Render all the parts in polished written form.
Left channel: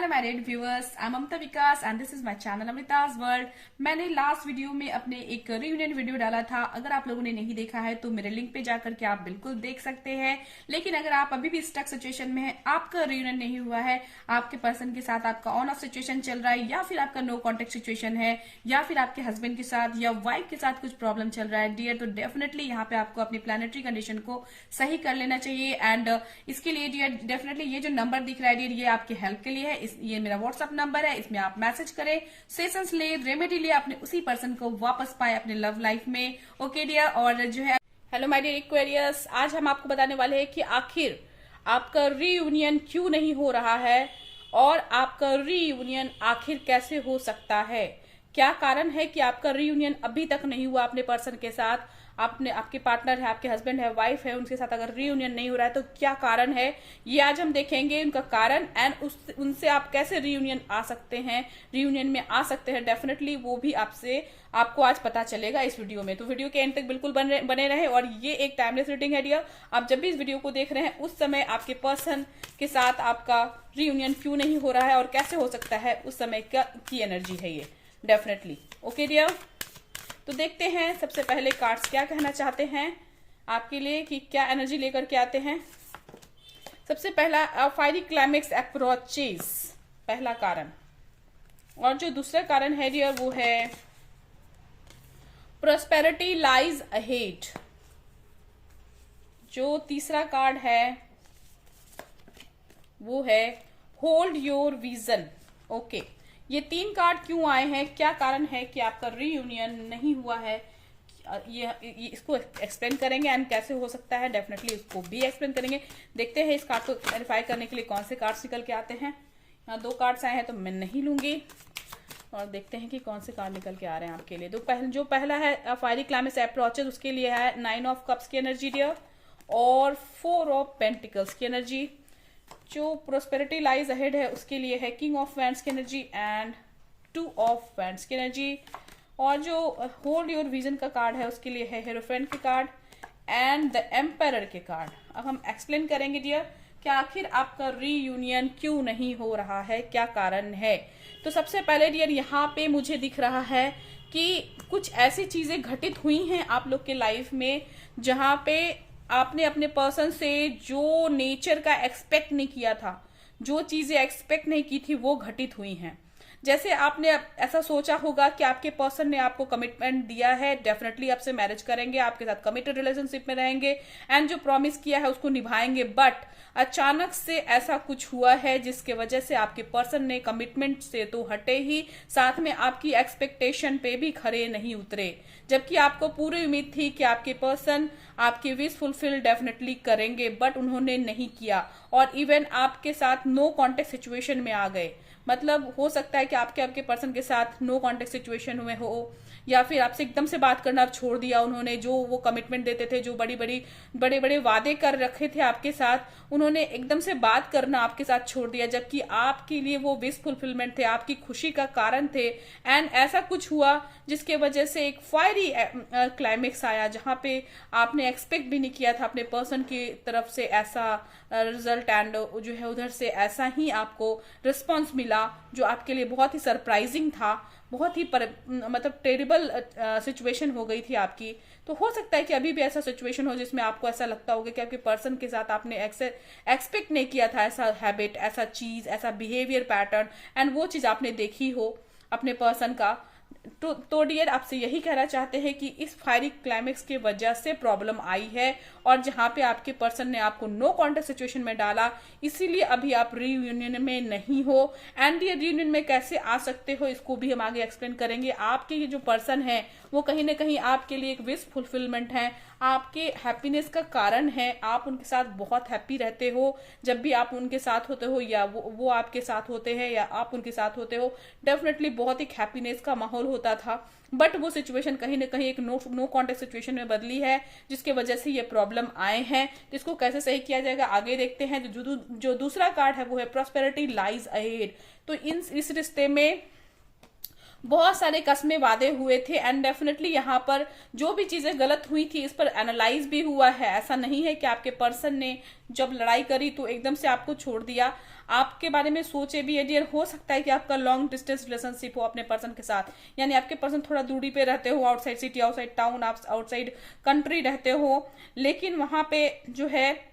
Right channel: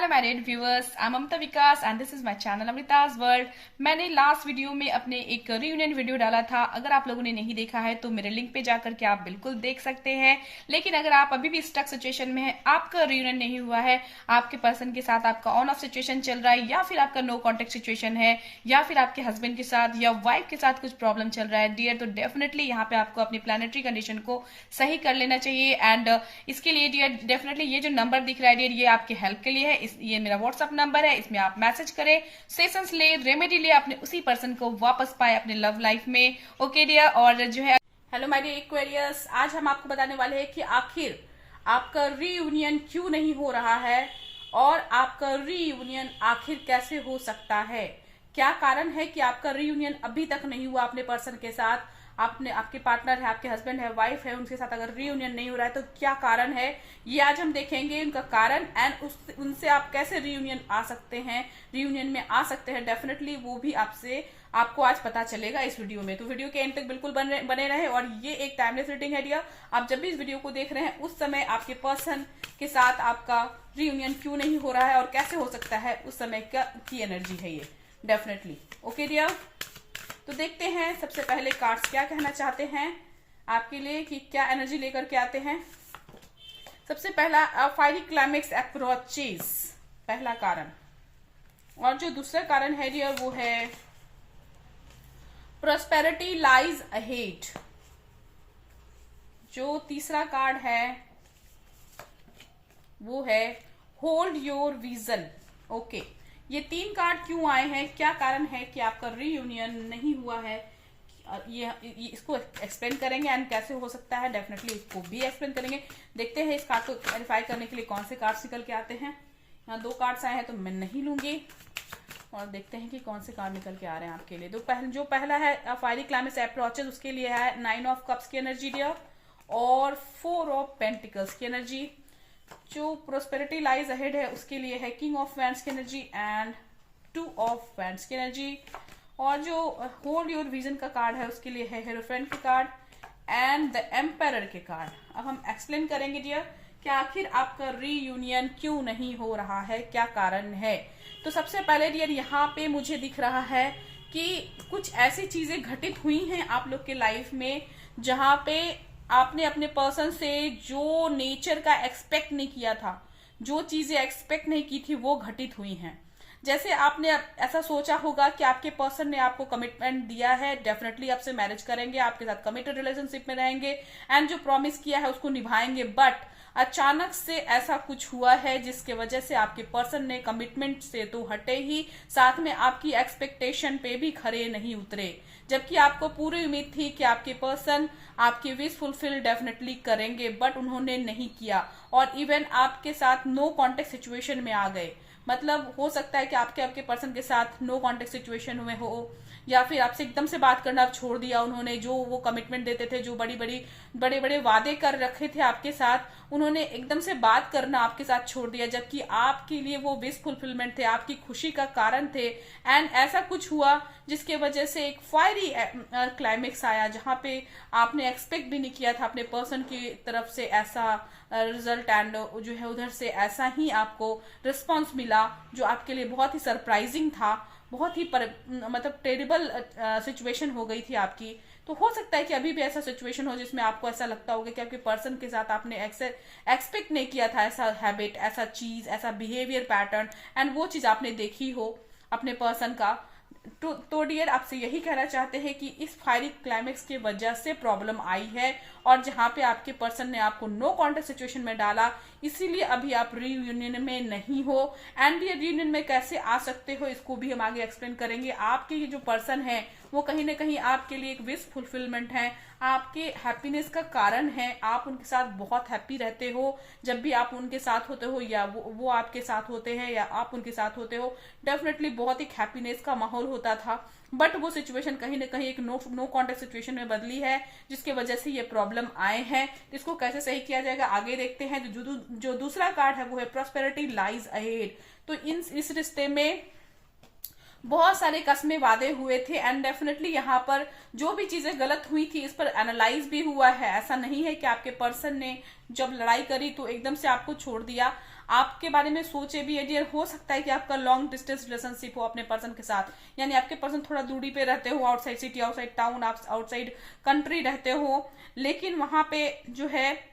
Hello my dear viewers, I am Amrita Vikas and this is my channel Amrita's world. मैंने last video में अपने एक reunion video डाला था। अगर आप लोगों ने नहीं देखा है तो मेरे लिंक पे जाकर के आप बिल्कुल देख सकते हैं। लेकिन अगर आप अभी भी स्टक सिचुएशन में है, आपका रियूनियन नहीं हुआ है, आपके पर्सन के साथ आपका ऑन ऑफ सिचुएशन चल रहा है, या फिर आपका नो कॉन्टेक्ट सिचुएशन है, या फिर आपके हस्बैंड के साथ या वाइफ के साथ कुछ प्रॉब्लम चल रहा है डियर, तो डेफिनेटली यहाँ पे आपको अपनी प्लानिटरी कंडीशन को सही कर लेना चाहिए। एंड इसके लिए डियर डेफिनेटली ये जो नंबर दिख रहा है डियर, ये आपके हेल्प के लिए है। ये मेरा व्हाट्सअप नंबर है, इसमें आप मैसेज करें, सेशंस ले, रेमेडी ले, अपने उसी पर्सन को वापस पाए अपने लव लाइफ में। Okay dear. और जो है हेलो माय डियर एक्वेरियस, आज हम आपको बताने वाले हैं कि आखिर आपका रीयूनियन क्यों नहीं हो रहा है और आपका रीयूनियन आखिर कैसे हो सकता है। क्या कारण है कि आपका रीयूनियन अभी तक नहीं हुआ अपने पर्सन के साथ। आपके पार्टनर है, आपके हस्बैंड है, वाइफ है, उनके साथ अगर रीयूनियन नहीं हो रहा है तो क्या कारण है, ये आज हम देखेंगे उनका कारण। एंड उनसे आप कैसे रीयूनियन आ सकते हैं, रीयूनियन में आ सकते हैं, डेफिनेटली वो भी आपको आज पता चलेगा इस वीडियो में। तो वीडियो के एंड तक बिल्कुल बने रहे। और ये एक टाइमलेस रीडिंग है डियर। आप जब भी इस वीडियो को देख रहे हैं उस समय आपके पर्सन के साथ आपका रीयूनियन क्यों नहीं हो रहा है और कैसे हो सकता है, उस समय की एनर्जी है ये डेफिनेटली। ओके डियर, तो देखते हैं सबसे पहले कार्ड्स क्या कहना चाहते हैं आपके लिए, कि क्या एनर्जी लेकर के आते हैं। सबसे पहला फायरी क्लाइमेक्स अप्रोचेस, पहला कारण। और जो दूसरा कारण है डियर वो है प्रोस्पेरिटी लाइज अहेड। जो तीसरा कार्ड है वो है होल्ड योर विजन। ओके, ये तीन कार्ड क्यों आए हैं, क्या कारण है कि आपका रीयूनियन नहीं हुआ है, ये इसको एक्सप्लेन करेंगे। एंड कैसे हो सकता है, डेफिनेटली इसको भी एक्सप्लेन करेंगे। देखते हैं इस कार्ड को क्लैरिफाई करने के लिए कौन से कार्ड्स निकल के आते हैं। यहाँ दो कार्ड्स आए हैं तो मैं नहीं लूंगी, और देखते हैं कि कौन से कार्ड निकल के आ रहे हैं आपके लिए। जो पहला है फायरी क्लाइमेक्स अप्रोचेस, उसके लिए है 9 ऑफ कप्स की एनर्जी डियर और 4 ऑफ पेंटिकल्स की एनर्जी। जो प्रोस्पेरिटी लाइज अहेड है उसके लिए है किंग ऑफ वैंड्स की एनर्जी एंड 2 ऑफ वैंड्स की एनर्जी। और जो होल्ड योर विजन का कार्ड है उसके लिए है हेरोफ्रेंट के कार्ड एंड द एम्पायर के कार्ड। अब हम एक्सप्लेन करेंगे डियर कि आखिर आपका रीयूनियन क्यों नहीं हो रहा है, क्या कारण है। तो सबसे पहले डियर यहाँ पे मुझे दिख रहा है कि कुछ ऐसी चीजें घटित हुई हैं आप लोग के लाइफ में जहां पे आपने अपने पर्सन से जो नेचर का एक्सपेक्ट नहीं किया था, जो चीजें एक्सपेक्ट नहीं की थी वो घटित हुई हैं। जैसे आपने ऐसा सोचा होगा कि आपके पर्सन ने आपको कमिटमेंट दिया है, डेफिनेटली आपसे मैरिज करेंगे, आपके साथ कमिटेड रिलेशनशिप में रहेंगे एंड जो प्रॉमिस किया है उसको निभाएंगे। बट अचानक से ऐसा कुछ हुआ है जिसके वजह से आपके पर्सन ने कमिटमेंट से तो हटे ही, साथ में आपकी एक्सपेक्टेशन पे भी खरे नहीं उतरे। जबकि आपको पूरी उम्मीद थी कि आपके पर्सन आपकी विश फुलफिल डेफिनेटली करेंगे, बट उन्होंने नहीं किया और इवन आपके साथ नो कॉन्टेक्ट सिचुएशन में आ गए। मतलब हो सकता है कि आपके पर्सन के साथ नो कॉन्टेक्ट सिचुएशन में हो, या फिर आपसे एकदम से बात करना छोड़ दिया उन्होंने। जो वो कमिटमेंट देते थे, जो बड़े बड़े वादे कर रखे थे आपके साथ, उन्होंने एकदम से बात करना आपके साथ छोड़ दिया, जबकि आपके लिए वो विश फुलफिलमेंट थे, आपकी खुशी का कारण थे। एंड ऐसा कुछ हुआ जिसके वजह से एक फायरी क्लाइमेक्स आया जहां पे आपने एक्सपेक्ट भी नहीं किया था अपने पर्सन की तरफ से ऐसा रिजल्ट, एंड जो है उधर से ऐसा ही आपको रिस्पॉन्स मिला जो आपके लिए बहुत ही सरप्राइजिंग था। बहुत ही मतलब टेरिबल सिचुएशन हो गई थी आपकी। तो हो सकता है कि अभी भी ऐसा सिचुएशन हो जिसमें आपको ऐसा लगता होगा कि आपके पर्सन के साथ आपने एक्सपेक्ट नहीं किया था ऐसा हैबिट, ऐसा चीज, ऐसा बिहेवियर पैटर्न, एंड वो चीज आपने देखी हो अपने पर्सन का। तो डियर आपसे यही कहना चाहते हैं कि इस फायरी क्लाइमेक्स की वजह से प्रॉब्लम आई है, और जहां पे आपके पर्सन ने आपको नो कॉन्टेक्ट सिचुएशन में डाला, इसीलिए अभी आप रीयूनियन में नहीं हो। एंड ये रीयूनियन में कैसे आ सकते हो इसको भी हम आगे एक्सप्लेन करेंगे। आपके ये जो पर्सन है वो कहीं ना कहीं आपके लिए एक विश फुलफिलमेंट है, आपके हैप्पीनेस का कारण है। आप उनके साथ बहुत हैप्पी रहते हो जब भी आप उनके साथ होते हो, या वो आपके साथ होते हैं या आप उनके साथ होते हो। डेफिनेटली बहुत एक हैप्पीनेस का माहौल होता था, बट वो सिचुएशन कहीं ना कहीं एक नो कॉन्टेक्ट सिचुएशन में बदली है, जिसके वजह से ये प्रॉब्लम आए हैं। तो इसको कैसे सही किया जाएगा आगे देखते हैं। जो दूसरा कार्ड है वो है प्रॉस्पेरिटी लाइज अहेड। तो इस रिश्ते में बहुत सारे कस्मे वादे हुए थे, एंड डेफिनेटली यहाँ पर जो भी चीजें गलत हुई थी इस पर एनालाइज भी हुआ है। ऐसा नहीं है कि आपके पर्सन ने जब लड़ाई करी तो एकदम से आपको छोड़ दिया। आपके बारे में सोचे भी है डियर। हो सकता है कि आपका लॉन्ग डिस्टेंस रिलेशनशिप हो अपने पर्सन के साथ, यानी आपके पर्सन थोड़ा दूरी पे रहते हो, outside city, outside town, outside country रहते हो, लेकिन वहां पे जो है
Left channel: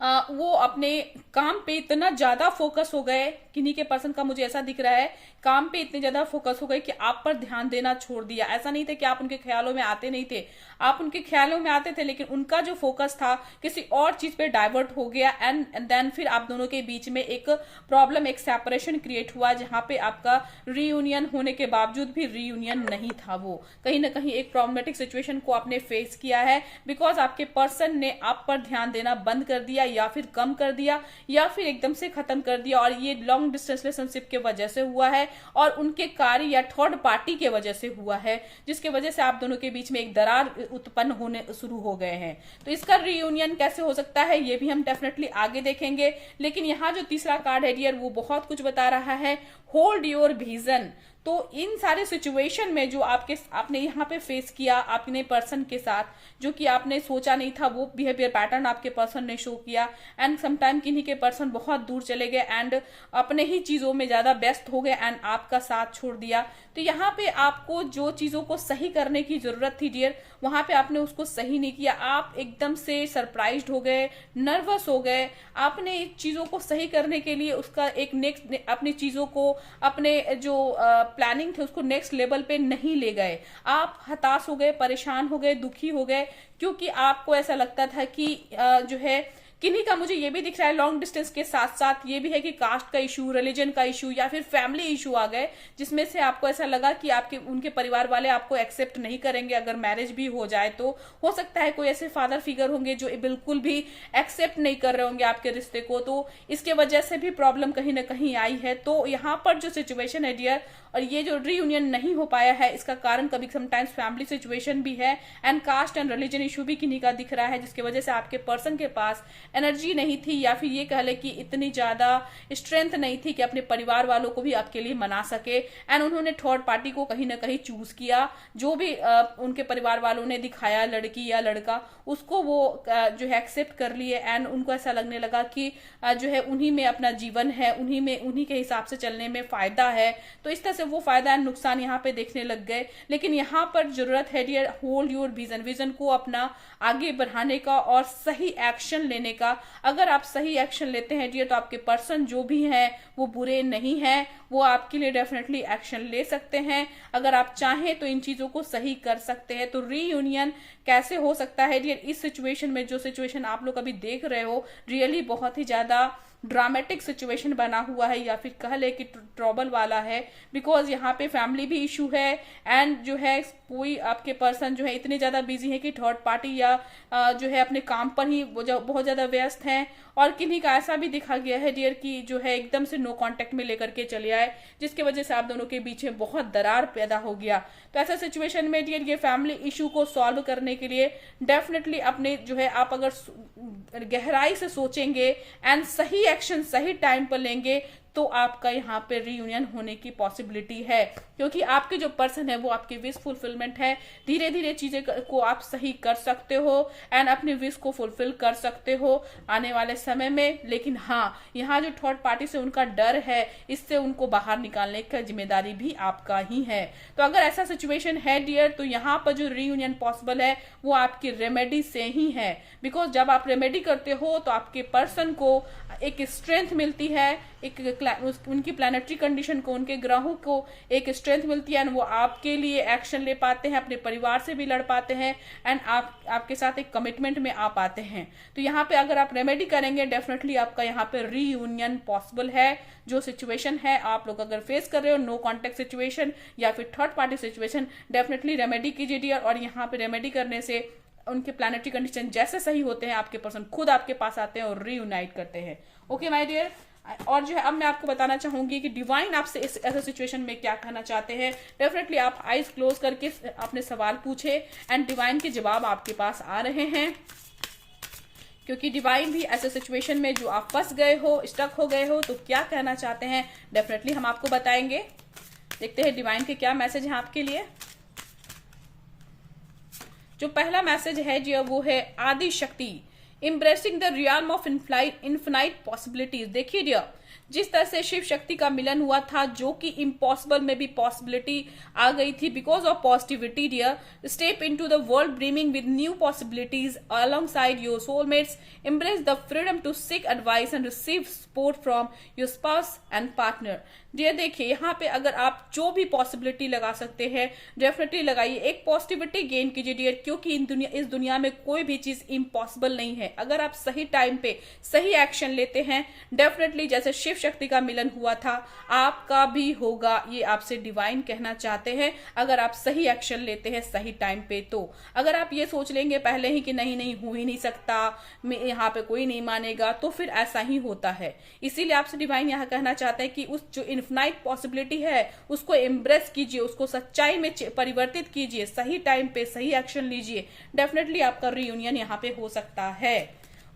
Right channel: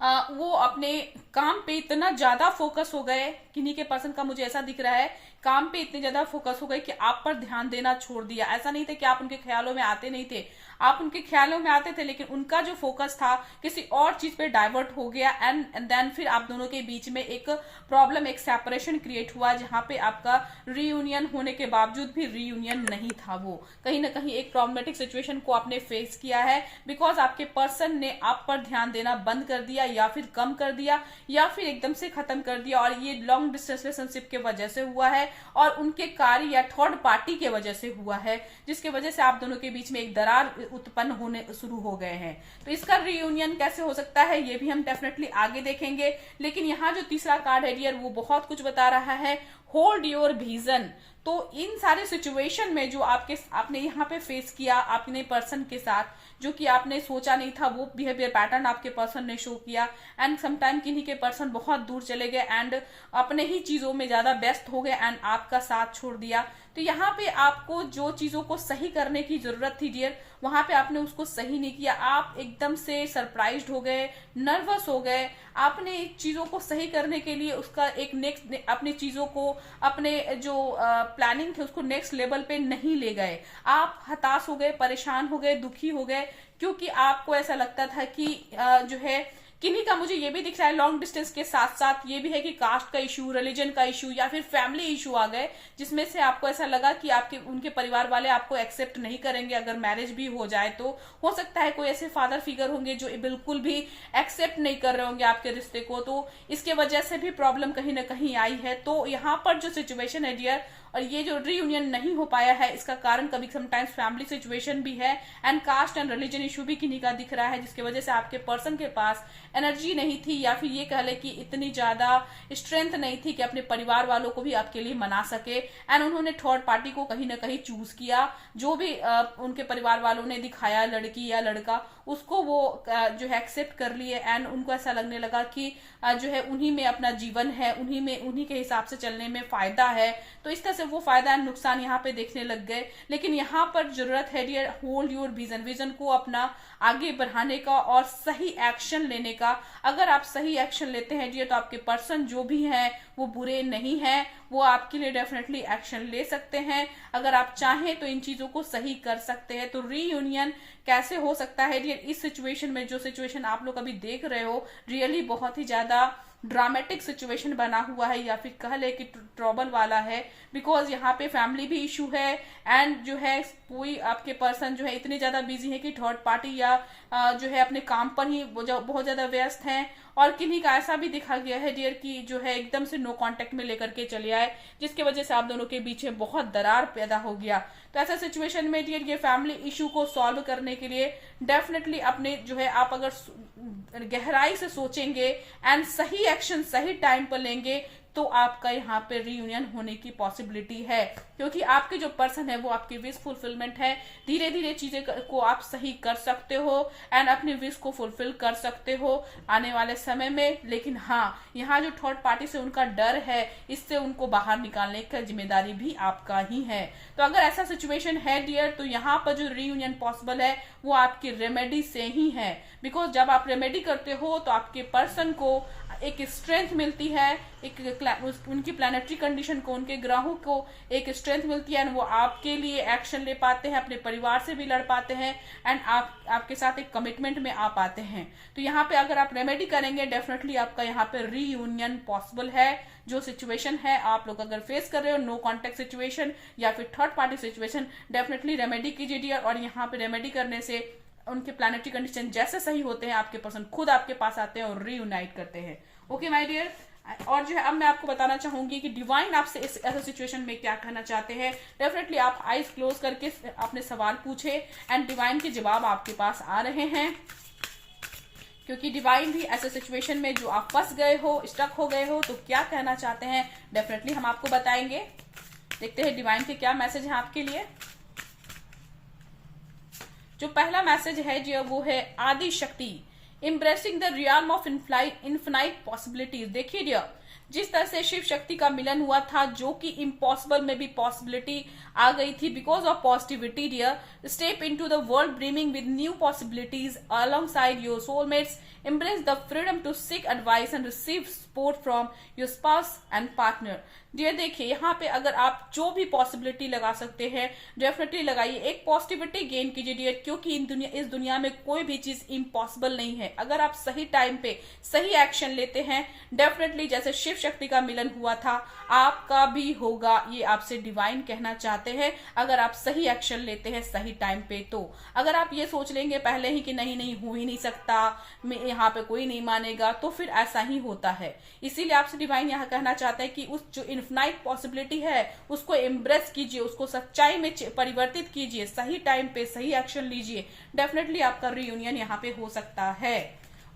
वो अपने काम पे इतना ज्यादा फोकस हो गए, किन्हीं के पर्सन का मुझे ऐसा दिख रहा है, काम पे इतने ज्यादा फोकस हो गए कि आप पर ध्यान देना छोड़ दिया। ऐसा नहीं था कि आप उनके ख्यालों में आते नहीं थे, आप उनके ख्यालों में आते थे, लेकिन उनका जो फोकस था किसी और चीज पे डाइवर्ट हो गया, एंड देन फिर आप दोनों के बीच में एक प्रॉब्लम, एक सेपरेशन क्रिएट हुआ, जहां पे आपका रीयूनियन होने के बावजूद भी रीयूनियन नहीं था। वो कहीं ना कहीं एक प्रॉब्लमेटिक सिचुएशन को आपने फेस किया है, बिकॉज आपके पर्सन ने आप पर ध्यान देना बंद कर दिया, या फिर कम कर दिया, या फिर एकदम से खत्म कर दिया। और ये लॉन्ग डिस्टेंस रिलेशनशिप के वजह से हुआ है, और उनके कार्य या थर्ड पार्टी के वजह से हुआ है, जिसके वजह से आप दोनों के बीच में एक दरार उत्पन्न होने शुरू हो गए हैं। तो इसका रीयूनियन कैसे हो सकता है ये भी हम डेफिनेटली आगे देखेंगे, लेकिन यहाँ जो तीसरा कार्ड है डियर, वो बहुत कुछ बता रहा है। Hold your vision. तो इन सारे सिचुएशन में जो आपने यहाँ पे फेस किया अपने पर्सन के साथ, जो कि आपने सोचा नहीं था, वो बिहेवियर पैटर्न आपके पर्सन ने शो किया, एंड समटाइम किन्हीं के पर्सन बहुत दूर चले गए एंड अपने ही चीजों में ज्यादा व्यस्त हो गए एंड आपका साथ छोड़ दिया। तो यहाँ पे आपको जो चीजों को सही करने की जरूरत थी डियर, वहां पे आपने उसको सही नहीं किया। आप एकदम से सरप्राइज्ड हो गए, नर्वस हो गए, आपने चीजों को सही करने के लिए उसका एक नेक्स्ट, अपनी चीजों को, अपने जो प्लानिंग थे उसको नेक्स्ट लेवल पे नहीं ले गए। आप हताश हो गए, परेशान हो गए, दुखी हो गए, क्योंकि आपको ऐसा लगता था कि जो है किन्हीं का, मुझे ये भी दिख रहा है लॉन्ग डिस्टेंस के साथ साथ ये भी है कि कास्ट का इशू, रिलीजन का इशू, या फिर फैमिली इशू आ गए, जिसमें से आपको ऐसा लगा कि आपके उनके परिवार वाले आपको एक्सेप्ट नहीं करेंगे अगर मैरिज भी हो जाए तो। हो सकता है कोई ऐसे फादर फिगर होंगे जो बिल्कुल भी एक्सेप्ट नहीं कर रहे होंगे आपके रिश्ते को, तो इसके वजह से भी प्रॉब्लम कहीं ना कहीं आई है। तो यहाँ पर जो सिचुएशन है डियर, और ये जो रीयूनियन नहीं हो पाया है, इसका कारण कभी समटाइम्स फैमिली सिचुएशन भी है, and caste and religion issue भी किन्हीं का दिख रहा है, जिसकी वजह से आपके पर्सन के पास एनर्जी नहीं थी, या फिर ये कह ले कि इतनी ज्यादा स्ट्रेंथ नहीं थी कि अपने परिवार वालों को भी आपके लिए मना सके, एंड उन्होंने थर्ड पार्टी को कहीं ना कहीं चूज किया। जो भी उनके परिवार वालों ने दिखाया, लड़की या लड़का, उसको वो जो है एक्सेप्ट कर लिए, एंड उनको ऐसा लगने लगा कि जो है उन्हीं में अपना जीवन है, उन्हीं के हिसाब से चलने में फायदा है। तो इस तरह से वो फायदा एंड नुकसान यहाँ पे देखने लग गए। लेकिन यहाँ पर जरूरत है डियर, होल्ड योर विजन को अपना आगे बढ़ाने का और सही एक्शन लेने का। अगर आप सही एक्शन लेते हैं डियर, तो आपके पर्सन जो भी हैं वो बुरे नहीं हैं, वो आपके लिए डेफिनेटली एक्शन ले सकते हैं। अगर आप चाहें तो इन चीजों को सही कर सकते हैं। तो रीयूनियन कैसे हो सकता है डियर, इस सिचुएशन में, जो सिचुएशन आप लोग अभी देख रहे हो, रियली बहुत ही ज्यादा ड्रामेटिक सिचुएशन बना हुआ है, या फिर कह ले कि ट्रबल वाला है, बिकॉज यहाँ पे फैमिली भी इशू है, एंड जो है कोई आपके पर्सन जो है इतने ज्यादा बिजी है कि थर्ड पार्टी या जो है अपने काम पर ही बहुत ज्यादा व्यस्त हैं। और किन्हीं का ऐसा भी दिखा गया है डियर कि जो है एकदम से नो कांटेक्ट में लेकर के चले आए, जिसकी वजह से आप दोनों के बीच में बहुत दरार पैदा हो गया। तो ऐसा सिचुएशन में डियर, ये फैमिली इशू को सॉल्व करने के लिए डेफिनेटली अपने जो है, आप अगर गहराई से सोचेंगे एंड सही एक्शन सही टाइम पर लेंगे, तो आपका यहाँ पे रीयूनियन होने की पॉसिबिलिटी है, क्योंकि आपके जो पर्सन है वो आपकी विश फुलफिलमेंट है। धीरे धीरे चीजें को आप सही कर सकते हो एंड अपनी विश को फुलफिल कर सकते हो आने वाले समय में। लेकिन हाँ, यहाँ जो थर्ड पार्टी से उनका डर है, इससे उनको बाहर निकालने की जिम्मेदारी भी आपका ही है। तो अगर ऐसा सिचुएशन है डियर, तो यहाँ पर जो रीयूनियन पॉसिबल है वो आपकी रेमेडी से ही है, बिकॉज जब आप रेमेडी करते हो तो आपके पर्सन को एक स्ट्रेंथ मिलती है, उनकी प्लैनेटरी कंडीशन को, उनके ग्रहों को एक स्ट्रेंथ मिलती है, एंड वो आपके लिए एक्शन ले पाते हैं, अपने परिवार से भी लड़ पाते हैं, एंड आपके साथ एक कमिटमेंट में आ पाते हैं। तो यहाँ पे अगर आप रेमेडी करेंगे, डेफिनेटली आपका यहाँ पे रीयूनियन पॉसिबल है। जो सिचुएशन है आप लोग अगर फेस कर रहे हो, नो कॉन्टेक्ट सिचुएशन या फिर third party situation, definitely remedy कीजिए डियर। और यहाँ पे रेमेडी करने से उनके प्लैनेटरी कंडीशन जैसे सही होते हैं, आपके पर्सन खुद आपके पास आते हैं और रीयूनाइट करते हैं। ओके माय डियर, और जो है अब मैं आपको बताना चाहूंगी कि डिवाइन आपसे इस ऐसे सिचुएशन में क्या कहना चाहते हैं। डेफिनेटली आप आईज क्लोज करके अपने सवाल पूछे एंड डिवाइन के जवाब आपके पास आ रहे हैं, क्योंकि डिवाइन भी ऐसे सिचुएशन में जो आप फंस गए हो, स्टक हो गए हो, तो क्या कहना चाहते हैं डेफिनेटली हम आपको बताएंगे। देखते हैं डिवाइन के क्या मैसेज है आपके लिए। जो पहला मैसेज है जी, वो है आदि शक्ति। embracing the realm of infinite possibilities। देखिए डियर, जिस तरह से शिव शक्ति का मिलन हुआ था, जो कि इम्पॉसिबल में भी पॉसिबिलिटी आ गई थी because of positivity dear. Step into the world dreaming with new possibilities alongside your soulmates. embrace the freedom to seek advice and receive support from your spouse and partner। Dear देखिए, यहाँ पे अगर आप जो भी पॉसिबिलिटी लगा सकते हैं डेफिनेटली लगाइए, एक पॉजिटिविटी गेन कीजिए डियर, क्योंकि इस दुनिया में कोई भी चीज इम्पॉसिबल नहीं है। अगर आप सही टाइम पे सही एक्शन लेते हैं, डेफिनेटली जैसे शिव शक्ति का मिलन हुआ था, आपका भी होगा। ये आपसे डिवाइन कहना चाहते हैं, अगर आप सही एक्शन लेते हैं सही टाइम पे। तो अगर आप ये सोच लेंगे पहले ही कि नहीं नहीं हो ही नहीं सकता, यहाँ पे कोई नहीं मानेगा, तो फिर ऐसा ही होता है। इसीलिए आपसे डिवाइन यहाँ कहना चाहते हैं कि उस जो इनफिनाइट पॉसिबिलिटी है उसको एम्ब्रेस कीजिए, उसको सच्चाई में परिवर्तित कीजिए, सही टाइम पे सही एक्शन लीजिए, डेफिनेटली आपका रियूनियन यहाँ पे हो सकता है।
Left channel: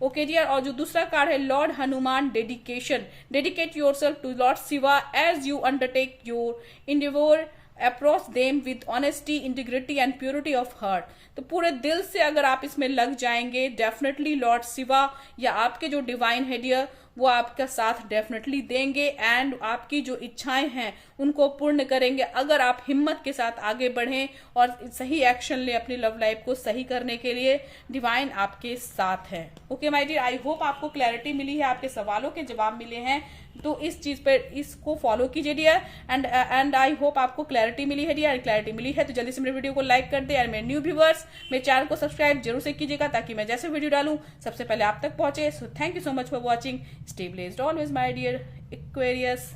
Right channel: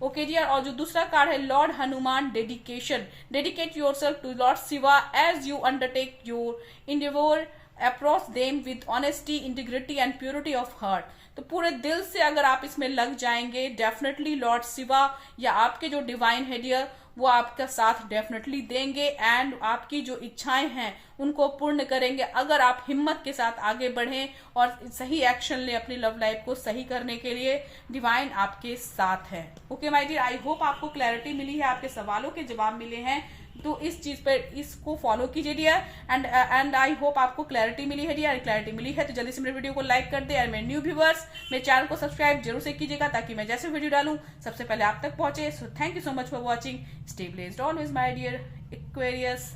ओके डियर, और जो दूसरा कार्ड है lord Hanuman dedication. Dedicate yourself to lord Shiva as you undertake your endeavour, approach them with honesty, integrity and purity of heart. तो पूरे दिल से अगर आप इसमें लग जाएंगे, डेफिनेटली लॉर्ड शिवा या आपके जो डिवाइन है डियर, वो आपका साथ डेफिनेटली देंगे एंड आपकी जो इच्छाएं हैं उनको पूर्ण करेंगे, अगर आप हिम्मत के साथ आगे बढ़ें और सही एक्शन लें अपनी लव लाइफ को सही करने के लिए। डिवाइन आपके साथ है। Okay my dear, I hope आपको क्लैरिटी मिली है, आपके सवालों के जवाब मिले हैं, तो इस चीज पर इसको फॉलो कीजिए डियर। एंड आई होप आपको क्लैरिटी मिली है डियर। क्लैरिटी मिली है तो जल्दी से मेरे वीडियो को लाइक कर दे, और मेरे न्यू व्यूवर्स मेरे चैनल को सब्सक्राइब जरूर से कीजिएगा, ताकि मैं जैसे वीडियो डालूं सबसे पहले आप तक पहुंचे। So thank you so much for watching. Stay blessed always my dear Aquarius.